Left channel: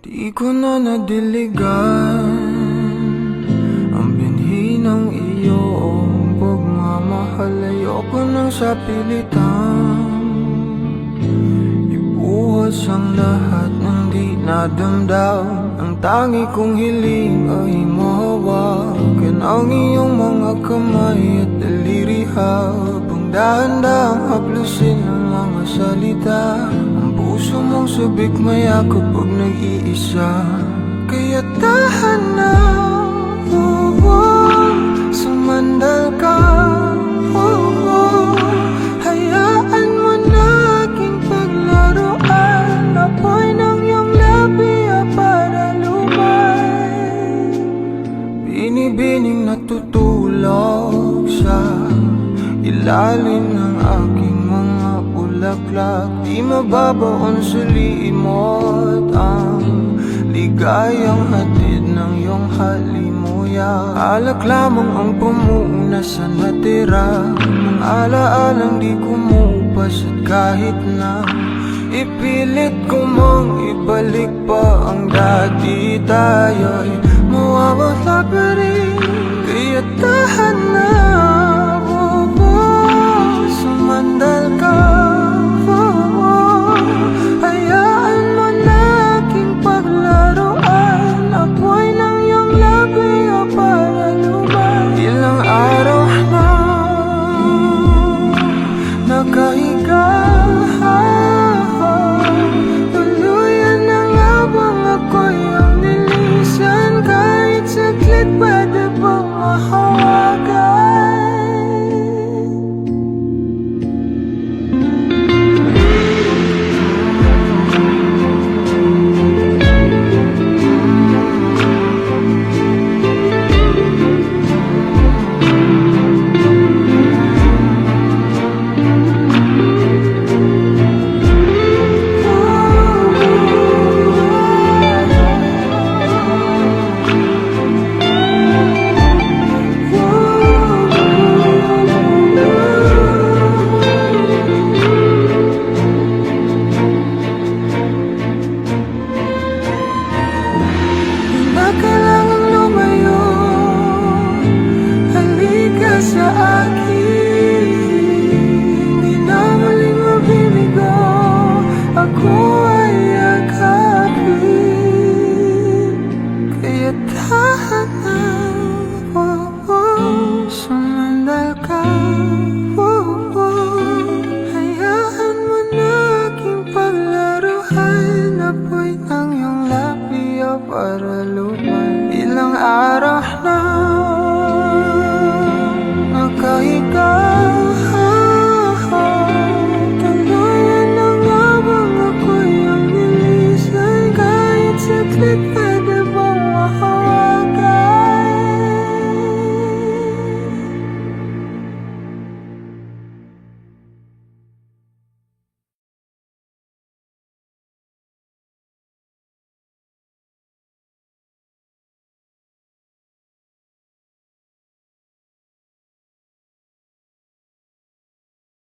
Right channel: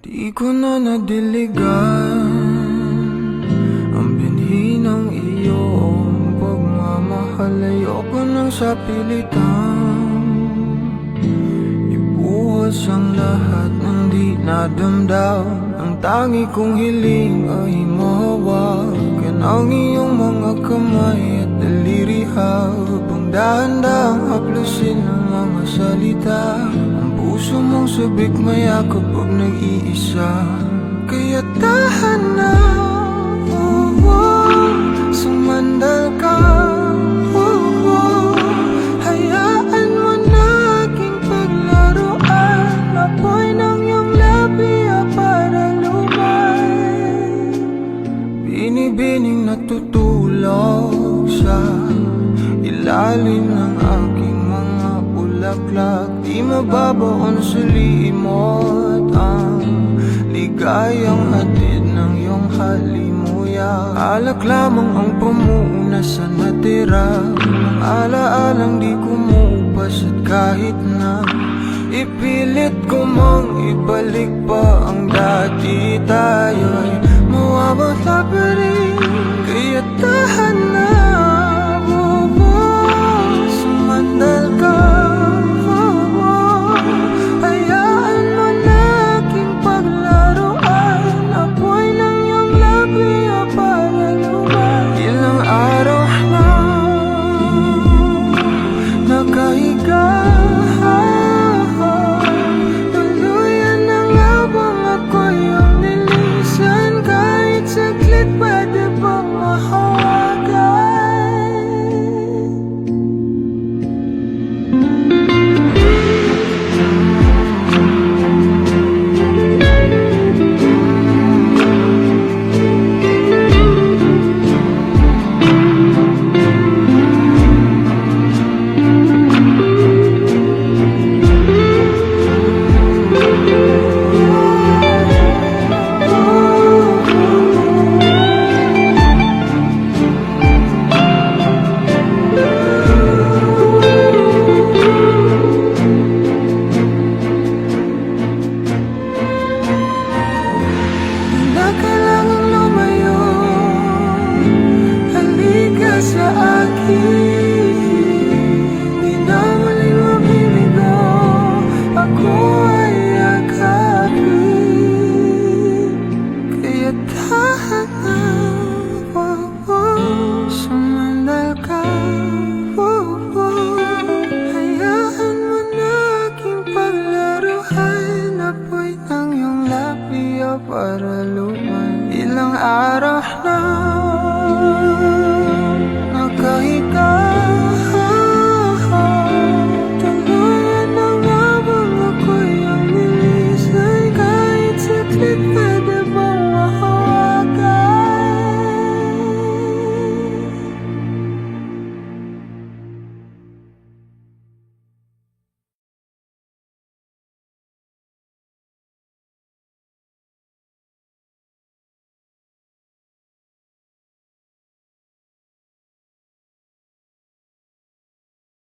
Di ko na nadiligan ang binhi ng iyong pagmamahal. Ayoko nang sa pilitan ibuhos ang lahat ng di nadamdam. Ang tangi kong hiling ay mahawakan ang iyong mga kamay at daliri, habang dahan-dahang haplusin ang mga salita. Ang puso mong sabik mayakap pag nag-iisa. Kaya tahan na, sumandal ka, hayaan mo na aking paglaruan. Apoy ng iyong labi para lumay, binibining natutulog sa ilalim ng aking mga bulaklak. Di mababaon sa limot ang ligayang hatid ng iyong halimuyak. Alak lamang ang pamuuna sa natira, mga alaalang di kumupas. At kahit na ipilit ko mang ibalik pa ang dati, tayo'y mawawala pa rin. Kaya tahan na, sumandal ka, hayaan mo na aking paglaruan. Apoy ng iyong labi para lumay. Ilang araw na nakahiga, tuluyan ang habang ako'y ang nilisan. Kahit saglit pwede bang mahawagan? Kailangang lumayo, halika sa akin. Di na muling mabibigo, ako